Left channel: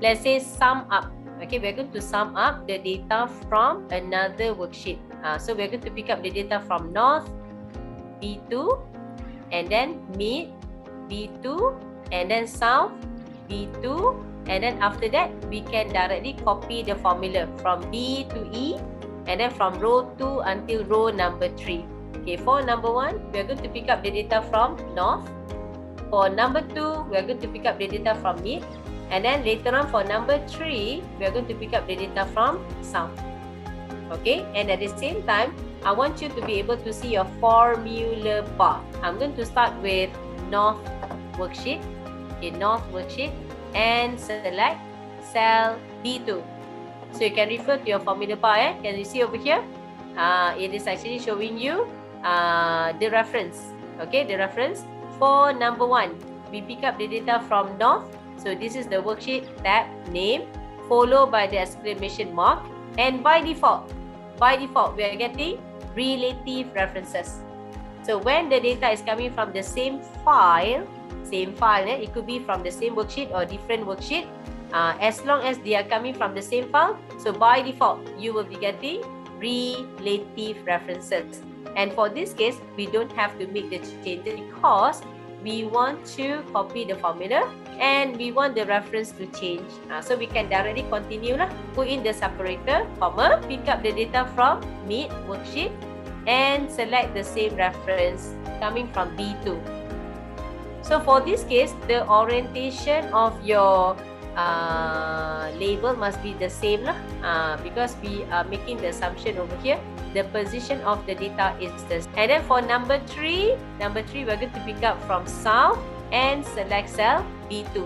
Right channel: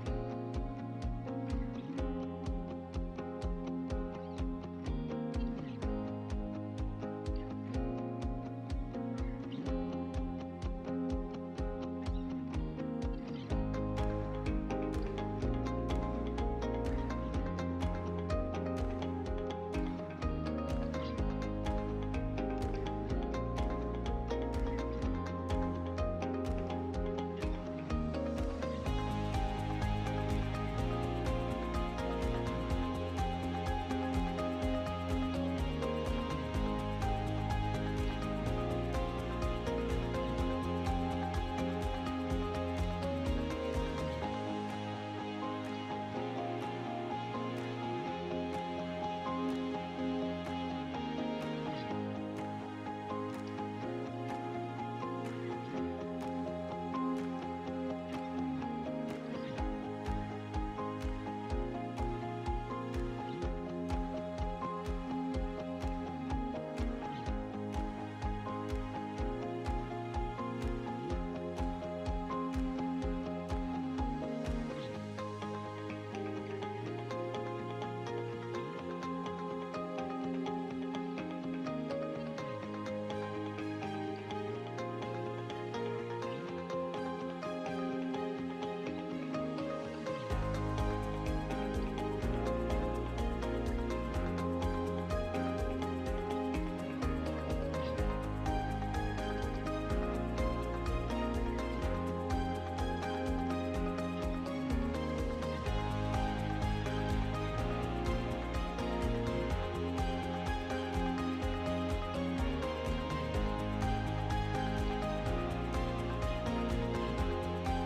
let's say sum up. Okay, we're going to sum up the data from another worksheet. So we're going to pick up the data from North, B2, and then Mid, B2, and then South, B2, and then after that, we can directly copy the formula from B to E, and then from row 2 until row number 3. Okay, for number 1, we're going to pick up the data from North. For number 2, we're going to pick up the data from Mid. And then later on for number 3, we're going to pick up the data from South. Okay, and at the same time, I want you to be able to see your formula bar. I'm going to start with North worksheet. Okay, North worksheet, and select cell B2. So you can refer to your formula bar. Can you see over here? It is actually showing you the reference. Okay, the reference for number 1. We pick up the data from North. So this is the worksheet tab name, followed by the exclamation mark. And by default, we are getting relative references. So when the data is coming from the same file, it could be from the same worksheet or different worksheet. As long as they are coming from the same file, so by default, you will be getting relative references. And for this case, we don't have to make the changes because we want to copy the formula and we want the reference to change. So we can directly continue lah. Put in the separator, comma, pick up the data from Mid worksheet and select the same reference coming from B2. So for this case, the orientation of your label must be the same lah. Because we are making the assumption over here, the position of the data is the same. And then for number 3, we're going to pick up from South and select cell B2.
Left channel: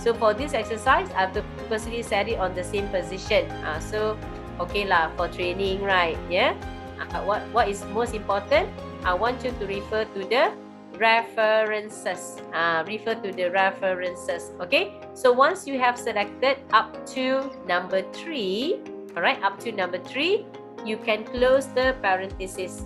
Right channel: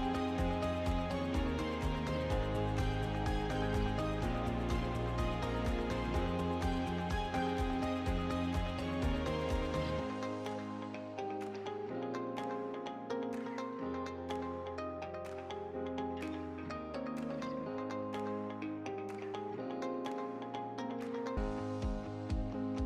So for this exercise, I've purposely set it on the same position. So okay lah, for training, right? Yeah. What is most important? I want you to refer to the references. Okay, so once you have selected up to number 3, alright, up to number 3, you can close the parenthesis.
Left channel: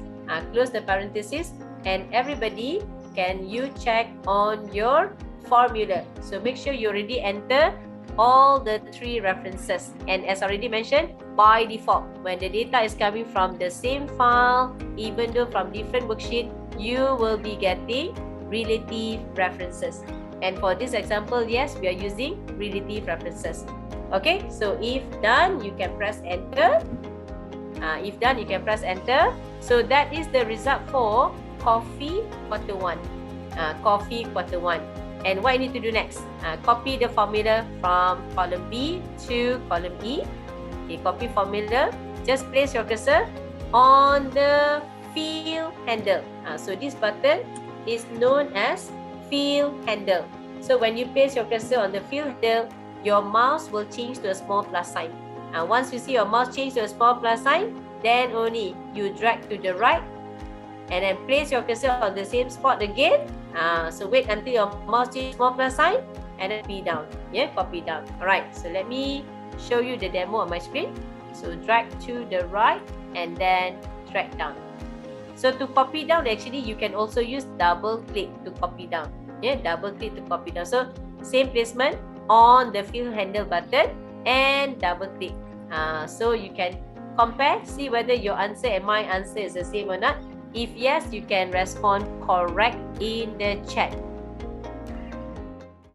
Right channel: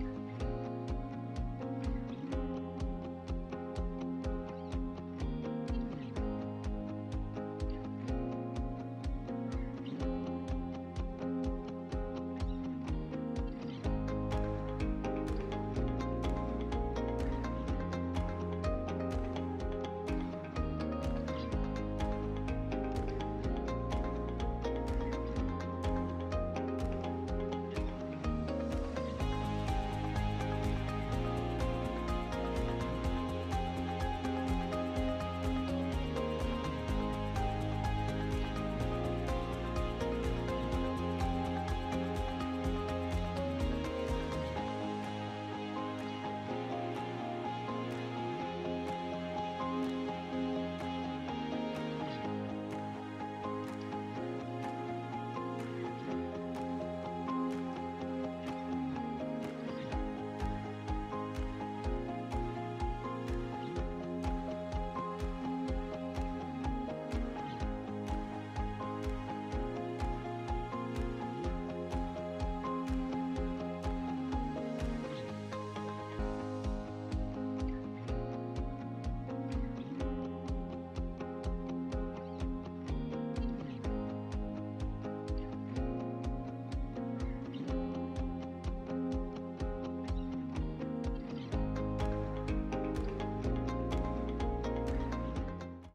And everybody, can you check on your formula? So make sure you already enter all the 3 references. And as already mentioned, by default, when the data is coming from the same file, even though from different worksheet, you will be getting relative references. And for this example, yes, we are using relative references. Okay, so if done, you can press enter. So that is the result for coffee quarter 1. And what you need to do next? Copy the formula from column B to column E. Okay, copy formula. Just place your cursor on the fill handle. So this button is known as fill handle. So when you place your cursor on the fill handle, your mouse will change to a small plus sign. Once you see your mouse change to a small plus sign, then only you drag to the right and then place your cursor on the same spot again. So wait until your mouse changes small plus sign and then copy down. Yeah, copy down. Alright, so let me show you the demo on my screen. So drag to the right and then drag down. So to copy down, actually you can also use double click to copy down. Yeah, double click to copy down. So same placement on the fill handle button and double click. So you can compare, see whether your answer and my answer is the same or not. If yes, you can respond correct in the chat.